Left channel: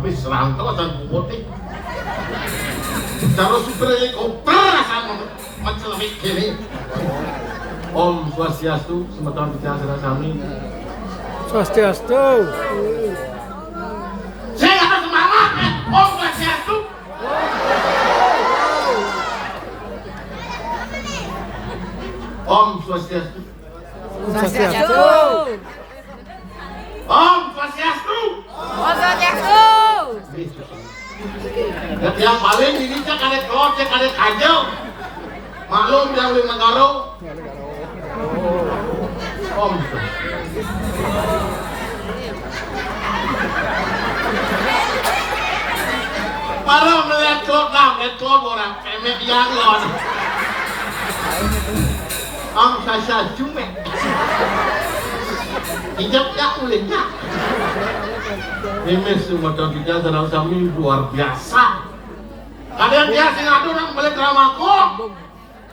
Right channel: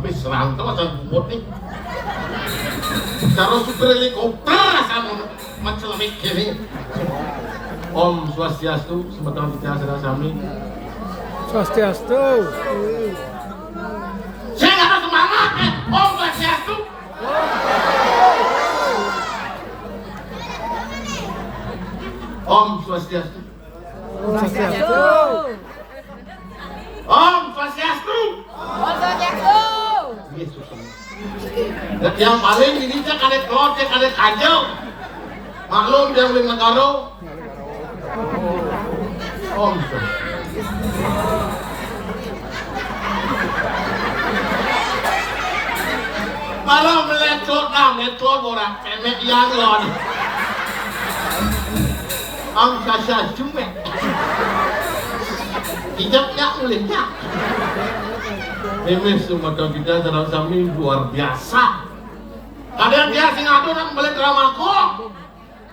habis serang terus dan putih. Kalau super helikopter sama macam ini. Om Swastiastu, semoga kita serasami. Swastiastu. Saya nggak ada semangat, Om Swastiastu. Om Swastiastu. Swastiastu. Om Swastiastu. Om Swastiastu. Yang paling ini cek ada kelot, cek ada kajel. Maklum jangan lima karo. Om. Kalau melihat klot orang kemek yang lon. Om Sasa cuma. Hijabnya mulainya. Ini semua kita dalam sami luar biasa. Ada yang dia sengaja orang beli drama kok.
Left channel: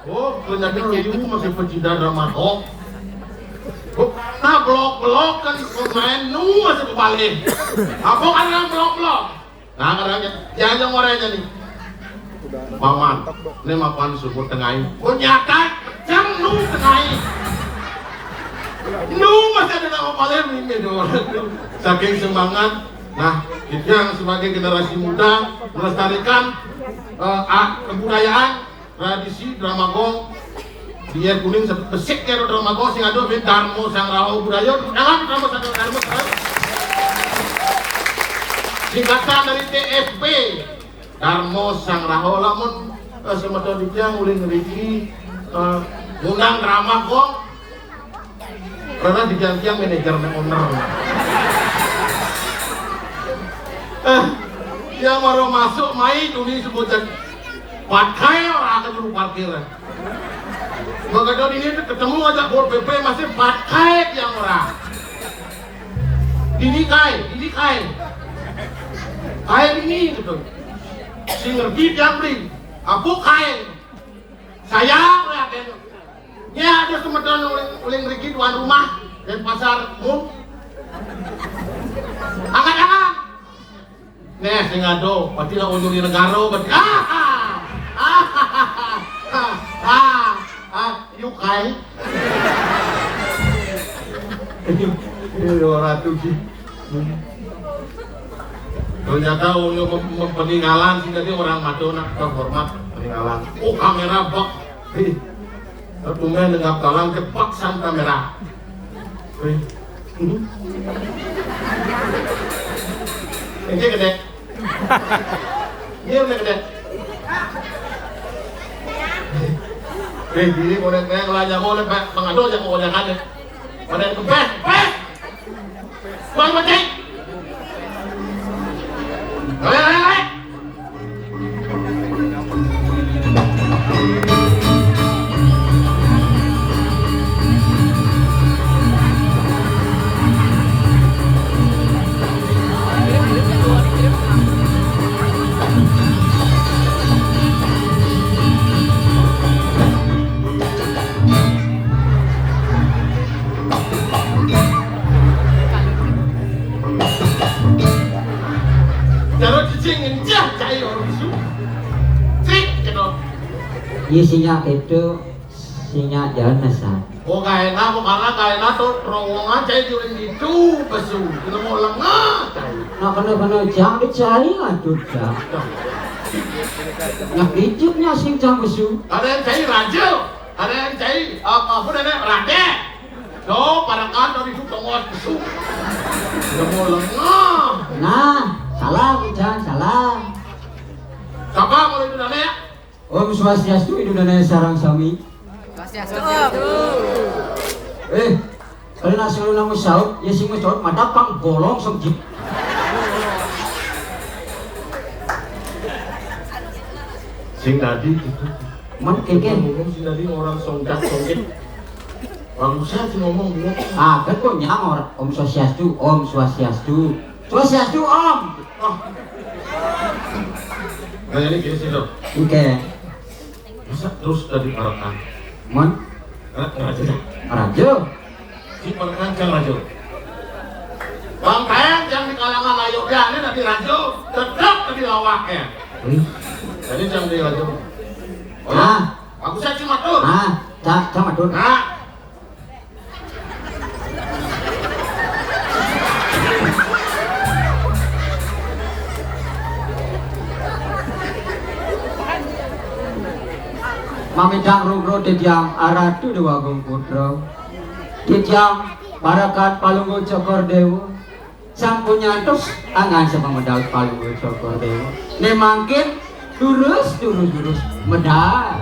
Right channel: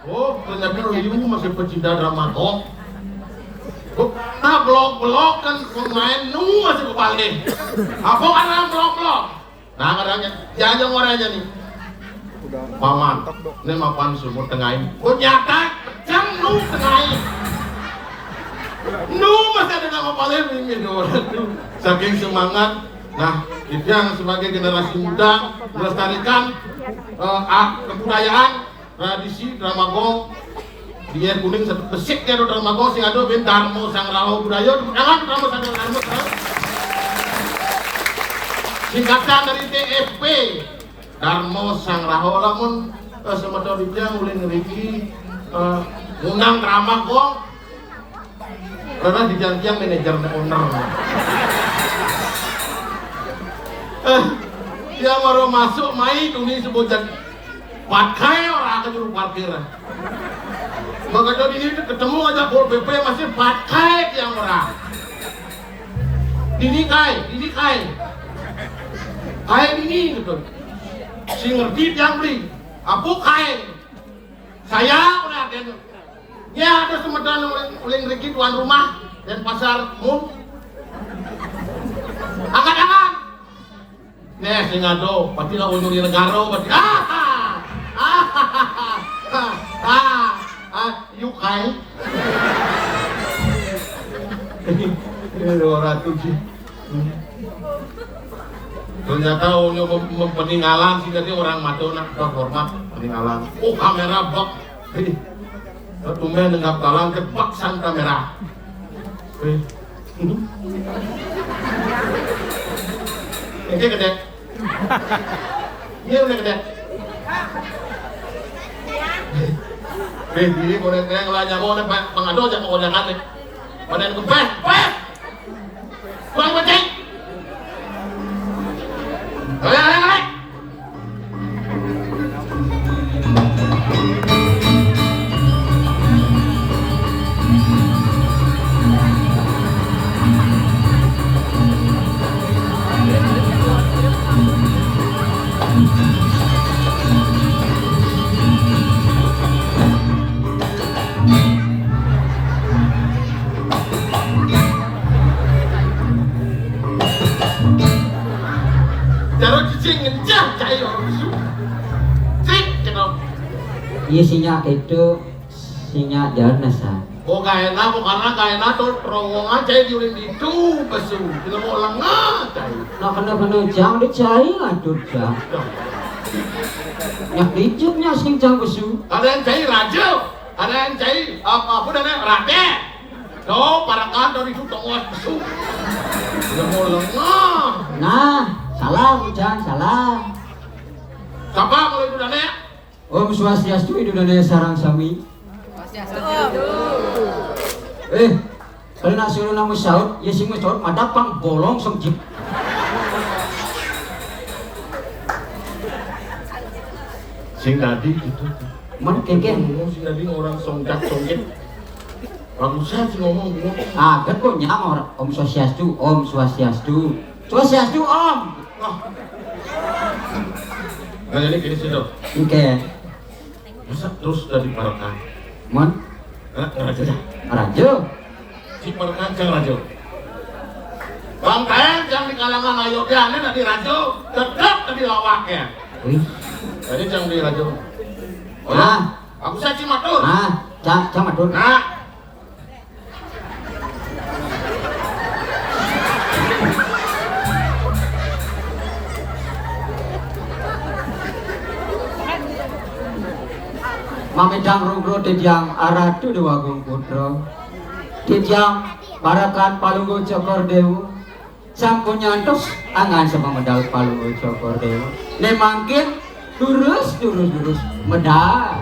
Oh, ternyata ibu masih pecinta drama kok. Nah, blok-blok kan pemain masih kebalik. Apa orang blok-blok? Nah, orangnya, jangan orangnya nih. Paman, ini mapan sumur tengahin. Nyata, jangan tengahin. Masih ada nama paling ini orang itu. Saking semangat. Nah, itu yang sebagai generasi muda melestarikan kebudayaan, tradisi drama gong. Dia kuning satu kesik ya drama gong sing ada Darmo Sang Raho budaya. Jangan drama Sang Raho. Singkatan dari TFP Darmo Sang Raho lamun semata bijang mulai ngeriki undang drama gong. Karena dijanjian manajer owner. Dia baru masuk main dunia sebutan pakai orang ke juru parkir. Maka ini ketemu aja Pol PP masih pakai yang orang. Ini kai ini gitu. Si ngerti yang beli. Apa kai? Saya lihat ya ada semedan uling riki tuan rumah dan pasar umum. Angkat. Nih singado, pasti lah undur di negara, pasti yukai. Ini 200 sih. Ternyata untuk peninggalan sehingga dia orang Madonna terhormat peninggalan. Oh kamera bok. Tumben dengan kalang kepaksan kamera. Ini gede. Ini udah gede. Ini boleh kayak ngelajak boleh pengadu aja boleh kan ya. Boleh itu best. Tuan putih. Boleh. Isinya itu sinya jalan nasa. Oh gak enak, karena tuh terowongan cai diurin itu kesu, kita mau lengah cai. Nah kena jam dicari lah tuh jam. Yang hijaunya sing jam kesu. Ada yang cai raja, ada yang cai apa namanya rakyat. So para kantor itu tengok kesu, kita mau lengah. Nah, salah. Siapa kalau itu namanya? Om Swastiastu Idulana sarang sami. Swastiastu. Kalau nak suruh namu saud, ya sing saud ada pang bolong sengkip. Sing tadi itu. Man keken. Ngomong sing tadi orang sondak songit. Barusan sih ngomong dulu. Kan kok nyamor Om Swastiastu, Swastiastu Om. Nah ini gini sih dok. Oke. Masa terus dari perekam? Man, Raja. rajo. Si perekam kan raja. Bang Kain jangan kalangan ayogyanya dari rajo tetap tadi lawaknya. Jadi jangan di rajo. Oh, aku saya cuma tuh. Sama tuh. Mamidang rugro tijang aratu dewa gung putro tijang barakat palunggo cokor dewa sampun nyantos angan sama medal palunggo cokor dewa nemangkin durus medal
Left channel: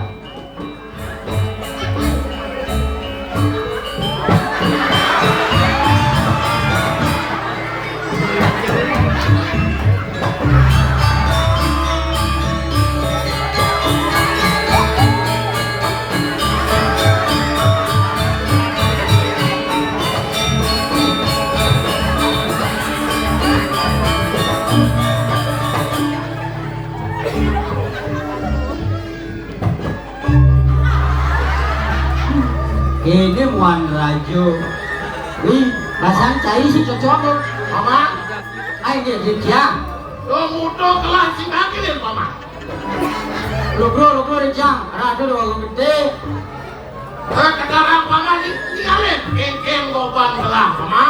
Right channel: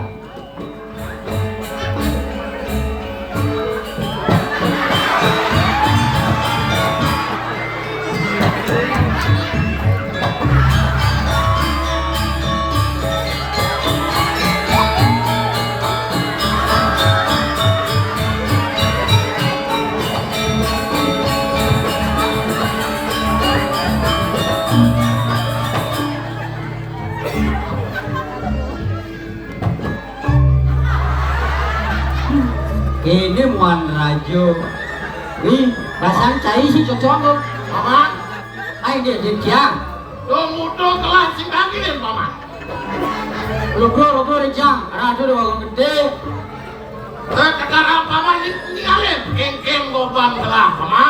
ini muan rajo wih rasanya cai sih cocok tuh mama ayo dia dia lo mudo kelas sing lagi deh mama lu bro dia rajo doang gede sekarang mama tinggalin geng goban belah mama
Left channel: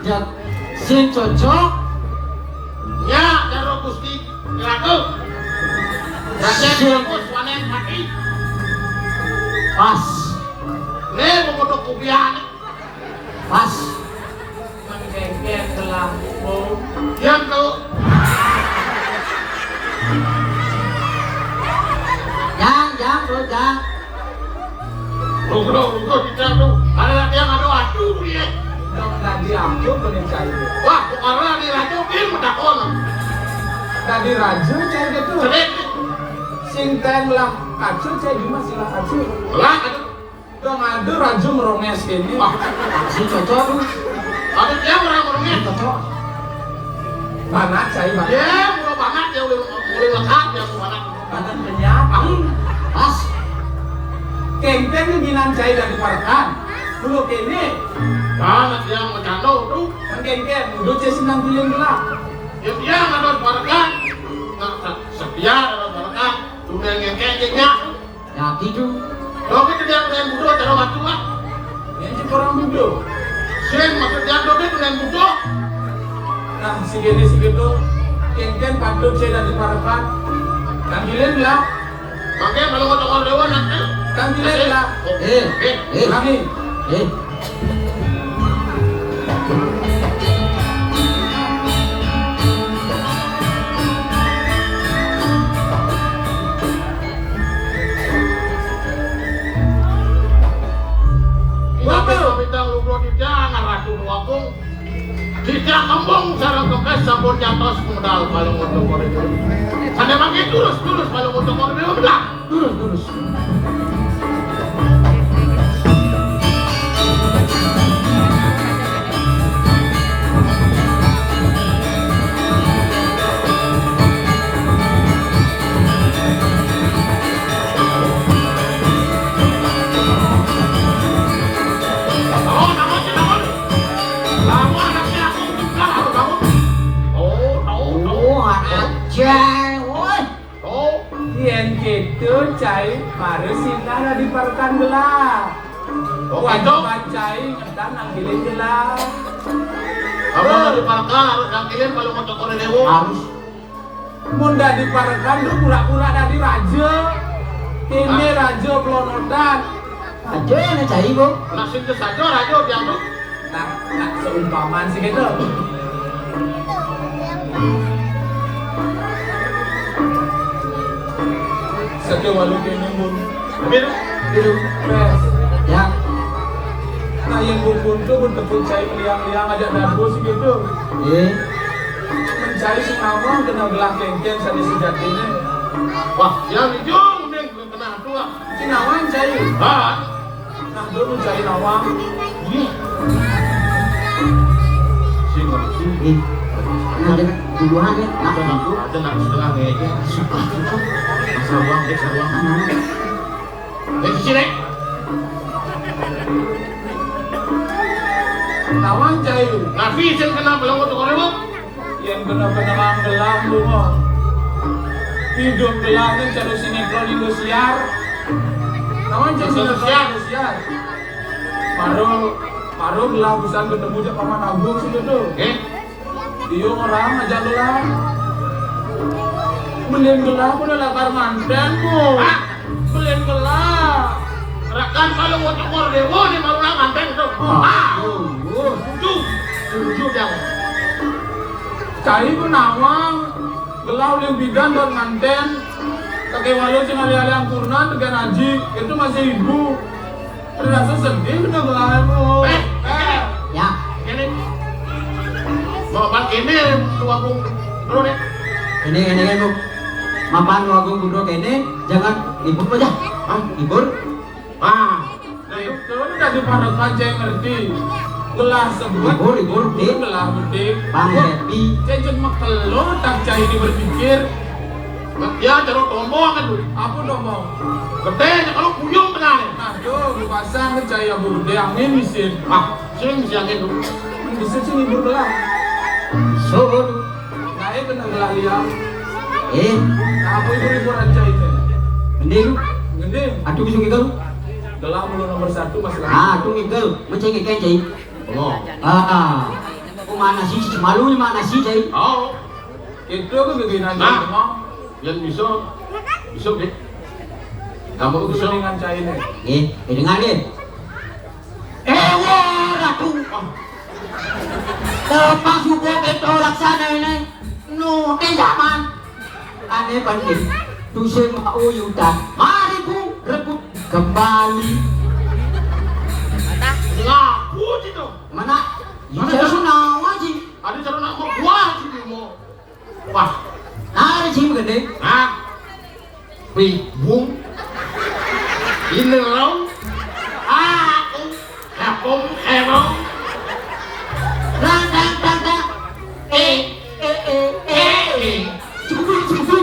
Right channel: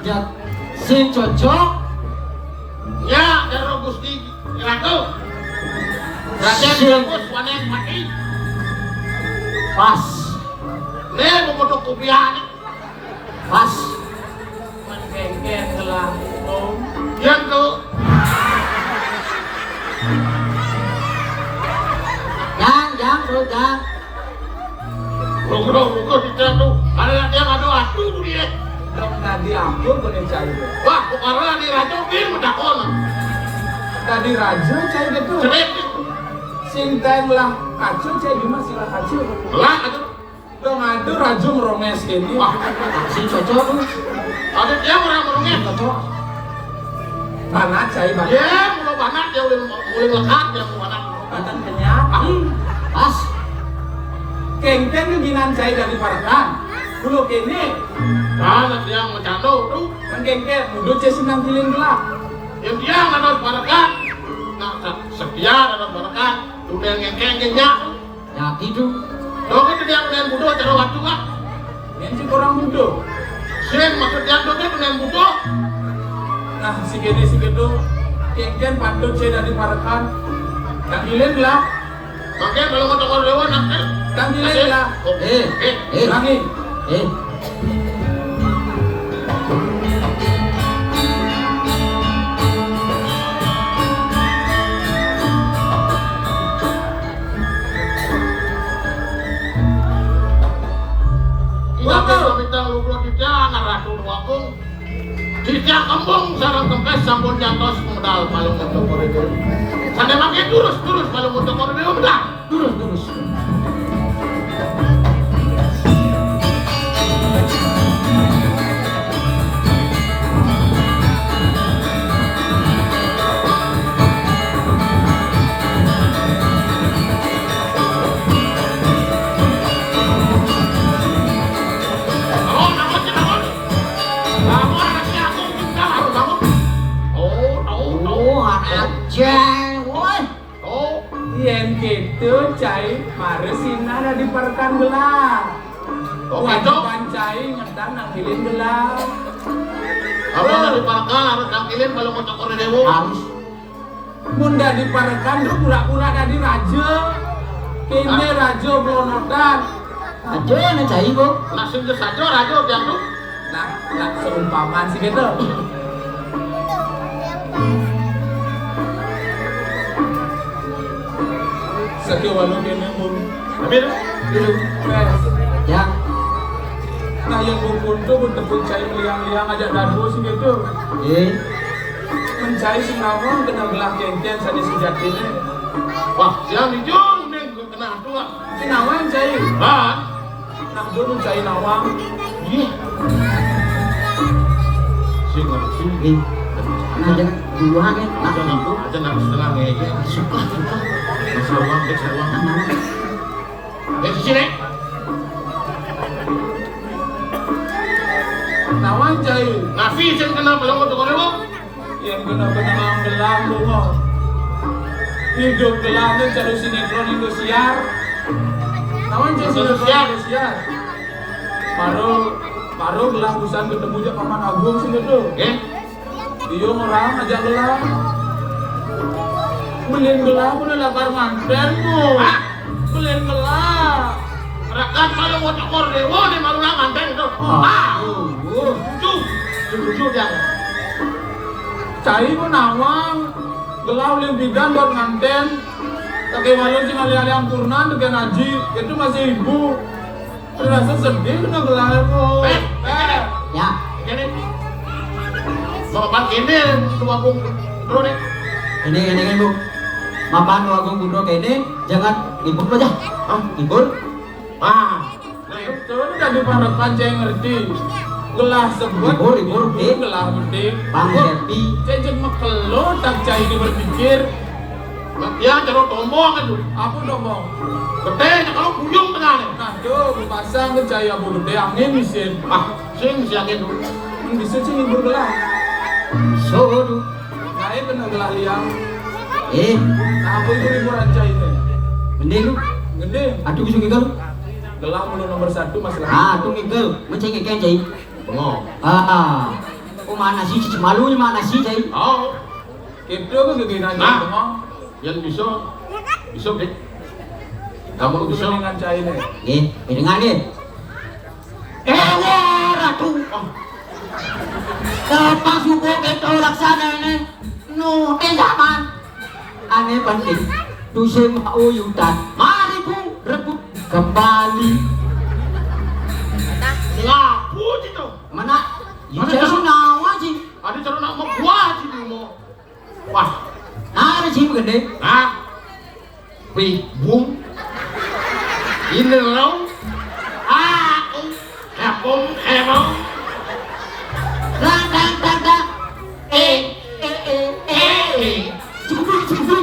dia si cocok ya dari gusti ratu raja bos wanen mati pas membutuh kupiah pas menggengger telah yang tuh jangan bro jangan Rugo kita tuh ada yang aduh dia Dok tadi aku bener cari. wah bukannya di ratu ini udah kon Tadi raja cari gitu. sering Singkan lah kacu cari gimana sih lah kacu. lah itu Dong ada raja meronges ini. wah si cocok tuh ada dia merangkulnya cocok Banget cari banget. ya murah banget dia boleh makan dia banget Banget kenyang. pas Kengkeng ini ginan cari dari Parakan. Dulu kini. banget dia mau jatuh tuh Kengkeng dulu cari senang pilih gelap. yang dia nggak ada barakan setia ada barakan udah ngengengnya nah gitu kalau kita dia dengan budo cara waktu lah Yang si orang muda. sih maksud dia tuh dengan budo Nah segitu. Kengkeng patut cari dari Parakan. Tanggilin lah. makanya kalau mau tokol dewan nanti Tanggilin lah. Lagi. Kita lupa tidak ngaratu wakung tidak kembung sarang kempes sampun jatuh modal kalau mau tokol itu sana makin terus kalau mau tokol itu udah terus Yang gitu cai baru sinar ada di Parakan gelap. Wajiban cai ngetan ngambilin gelap. Kamu mau diparkan harus ngakilin kalau mau tokol dewa harus Munda di Parakan lu pura-pura ada di raja. Ini raja belum nonton. aja nih cai bu nasib itu saja raja yang tuh Nah, seumpamaan sih gitu. Sekian walau kena mun. lebih ya Nah yang bubun tuh pun tepuk cai liang-liang ada dabu sih gitu. Mencari si mawon kena gelang kengkeng sadi sudah ini. wah jangan dijung dia kena tua Si nawan cai. Nah dulu cai nawang. iya sih nggak sih ada duluan ya ada aku tenang setengah meja suka seruang di sini Tawan cai. Nafi yang kena belum untuk orang. Yang benar-benar gelam lu. Hidup gelamnya cari sinetron Indosiar. Tawan cai Indosiar. Baru gelam bisa ketemu sama Paman Agung sih itu. Dia orang aja gelam. Beliin gelam udah lakar mantenmu. Beliin gelam. Rakan kalau mau tekor dewa nih malu manten itu. Setuju jangan. Cai menawang gelau limbidan dan nganten kakek walau si Maria yang purna dengan Haji itu masih ibu terasa sedih kena gelau Ya, Ini mau pakai ini tua bung bro nih. ini Bu. Mapan Agung Gudro ini jangan ibu aja. Ibu. Nah itu udah dipandekan cai ngerti gelah sebut Ibu, deh. gelah penting Bang Happy. cai cuma kalau tak cai ini berpikir ya jangan tombong kan dulu. aku dong mau Gede kalau kuyung benar. nah yo dipasang ke cai abu gede angin mesin Sing siangin dulu. mesin sini bergelah So, Saya kena gelah liang. Nah, aku ibu rancang itu. gede lu. Gede. Aduh bisa ngigel. Gelah mulu nomor 1 masih. Tuh ngigel. Macam ngigel cai. Mana sih cicing malu ni mana sih cai? Oh, Itu aku begini Nah. yang bisa deh. Kamu bisa. dengan cai ini. Dengar ni. Ratu. Lepas juga kita laksana ini. No, zaman. Aneh penting. Tusing uyutan. Mari Bu, rebut kembali. Ngapu itu. Mana? Ini senang aja. Ada cara nak buat sih mau. Wah, Ada sih gede. nah, bingung. Ini loh. Aku, emang. Dang. Cukup.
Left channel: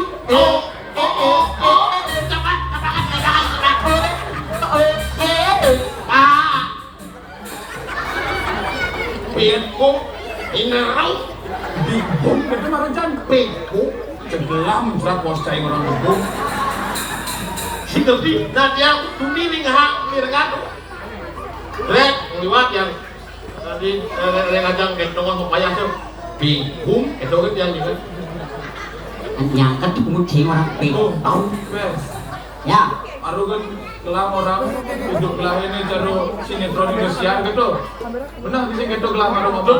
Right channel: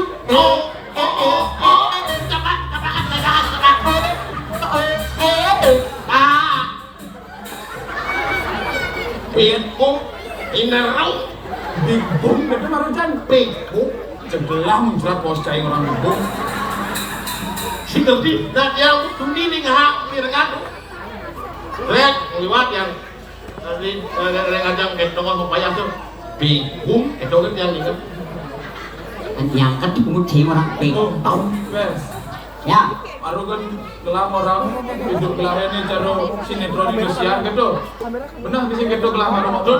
Bingung. Ini loh. Bingung, itu rancang. Bingung. Cebelam jelas pos cai orang bingung. Si Gerdi, nah yang dunia ini nggak mirengat. Rek, liwat yang tadi ngajak kedongan mau kaya tuh bingung, kedongan yang ingat. Nyangkat di pemutih orang bingung tahu. Wes. Ya. Baru kan gelam orang hidup gelam ini cara sinetron Indosiar gitu. Benar bisa gitu gelam orang aduh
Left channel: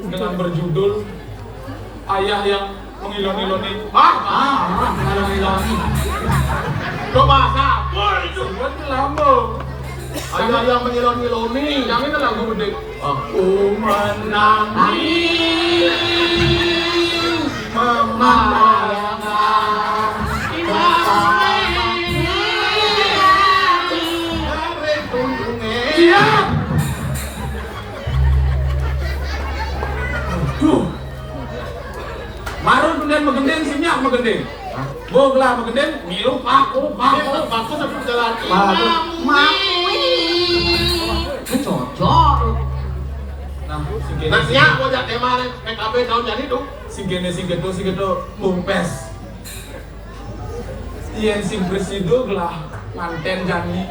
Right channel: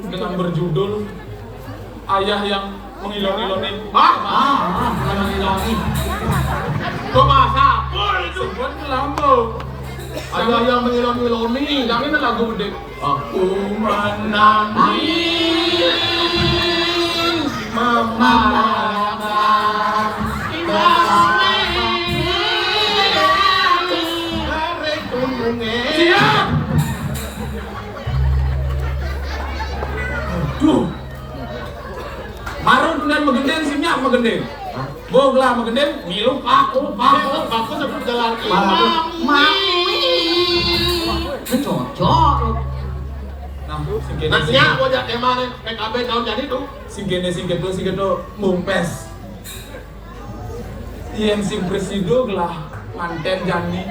dengan berjudul Ayah yang mengilang-ilangi. Mengilang-ilangi. Coba sapul itu. Sebuah gelam bu. Ayah yang mengilang-ilangi. Yang ini lagu gede. Aku menangis memayangkan Siap. Marun kemudian mengendeng sinyak mengendeng. Boglah mengendeng, ngilu paku sebut jalan. itu cocok. Nah, Nasinya aku jadi kemarin PKB tahun jadi tuh. sing gitu mumpes. Yen sing presido gelah nganten jani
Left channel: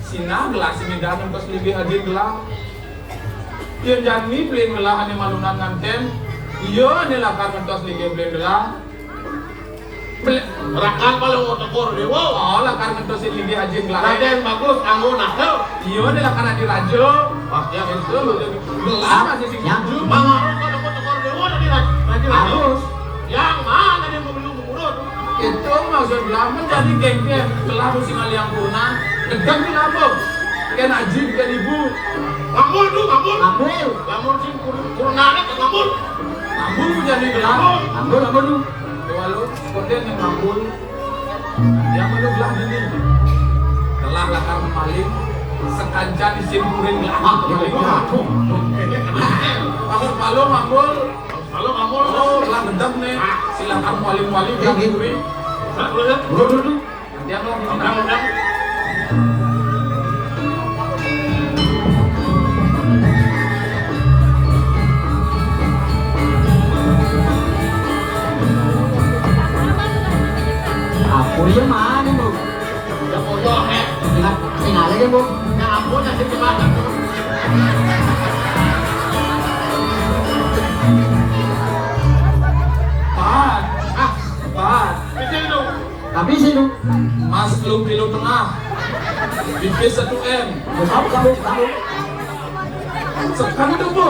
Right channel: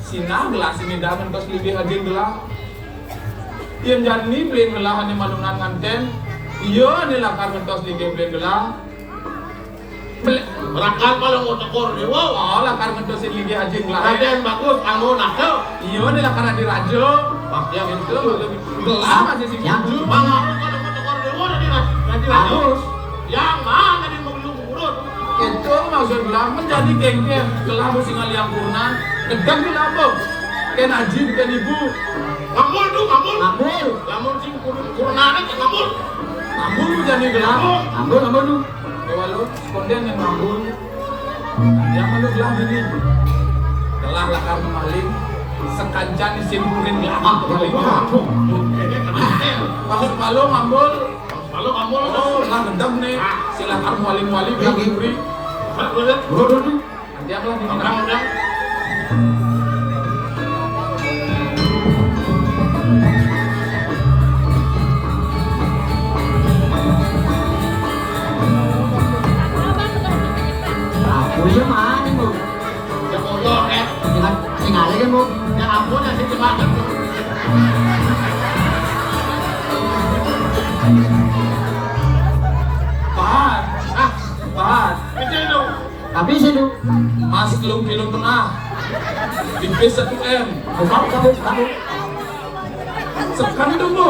sina gelah sini dangan kos lebih hadir gelah. Yen jani beli gelah ane malungan nganten. Iya ane lah kan kos lebih beli gelah. Rakan kalau mau tekor dia, wow. Oh lah kan kos lebih hadir gelah. Ada yang bagus, kamu nakal. Iya ane lah kan di rajo. Yang Itu gelah masih sing Yang tujuh. Kalau tekor dia, nanti Harus. Yang mana dia mau belum urut? Itu maksud gelah menjadi gengger gelah musim aliang purna. Kedam di lambung. Ken haji ken ibu. Ngambul tuh, ngambul. Ngambul. Ngambul sih kurungannya ke ngambul. Ngambul menjadi gelah. Ngambul lu. Walau konden yang ngambul. Yang malu bilang gini. Telah lakar maling sekancan disimpurin gelah maling. Masuk malu ngambul. Kalau ngambul, Oh, lah dendam nih. Silakan maling-maling yang diberi. Bro. Dia lah di Udah. iya mana mo? Ya Allah, Tingali yan mo. ya ampun ya sih banget. Pak, Pak, Itu itu. Tapi sino? Mas belum tengah di B1M. Kamu. Sekan itu bu,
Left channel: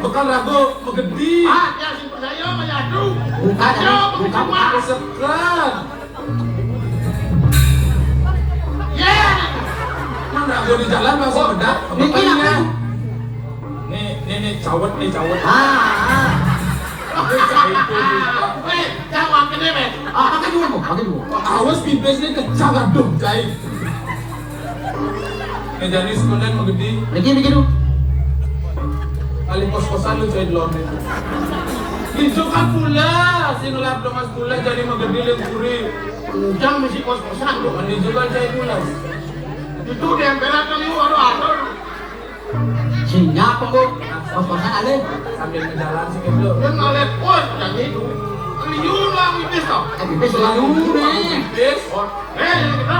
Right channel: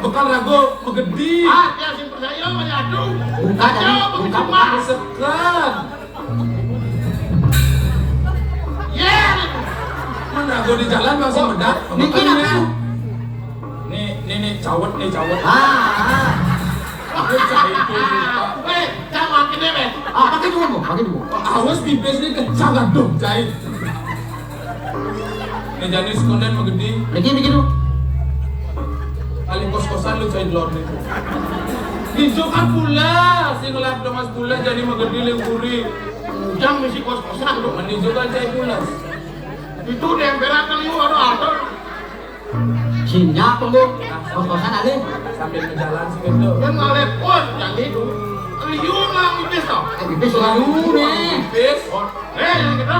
bekal rago megedi. Ah, ya sih percaya menyatu. Bukan, Ayo, begitu mah. Sekan, Ya. kan rago di jalan masih bedak. Bikin apa lu? Nih cawet nih cawet. Aku cahit itu pak. Jangan makin deh. Pakai dulu. Awas pipes ini kecang aduh cahit. Nih jadi sekalian megedi. Lagi dulu. Kali kos-kosan lu cahit lor nih. Itu kan pula, si ngelap mas pula jadi megedi lengkuri. Jangan mesti kos-kosan lu. Ini juga cahit pula. Itu di emperakan lu ada apa? Sinya pembo. Kos-kosan ada. Sambil ngejalan sih kan lo. Yang ngalik pos yang itu. Yun lang ibis to. Ibis lalu nih. Pipes. Yang kita.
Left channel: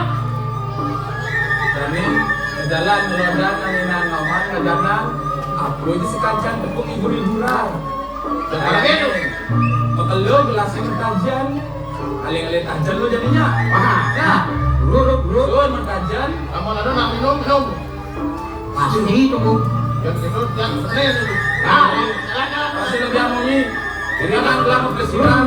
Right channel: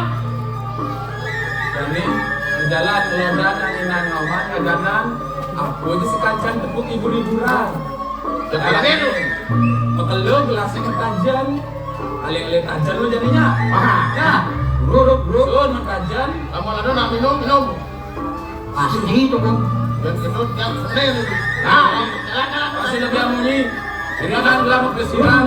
Jadi ngejalan ngelodan angin ngomong ngejalan. Aku ini sekalian tepuk ibu liburan. Lagi itu. Bakal lo gelasnya ketajan. Aling-aling tajan lo jadinya. Ya. Bro. Lo emang tajan. Kamu lalu nak minum. Asli itu mo. Dan itu yang keren. Nah, silakan. Pasti lebih amanyi. Ini kan gelap kesiram.